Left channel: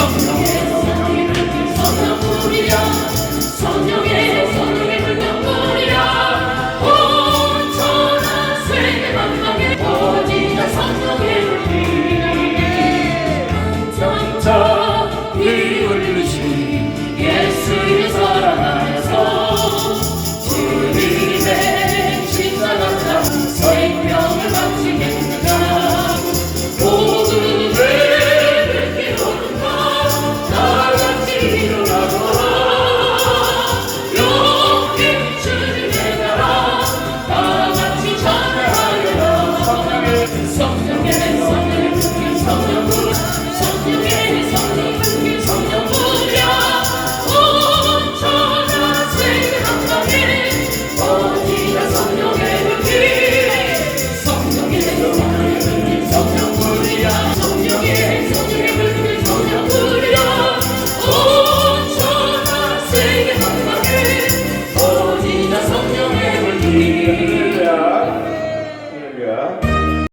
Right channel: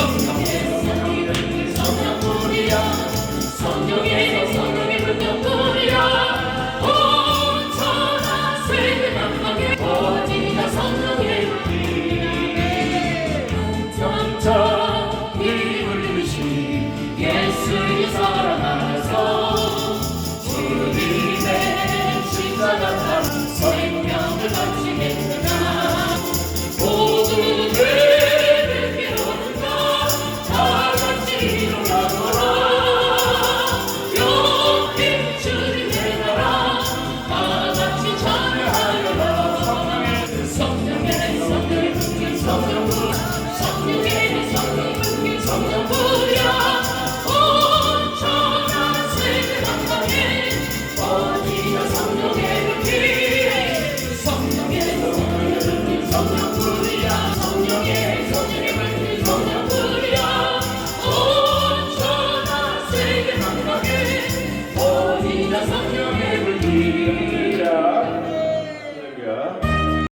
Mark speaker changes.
Speaker 1: Santa see.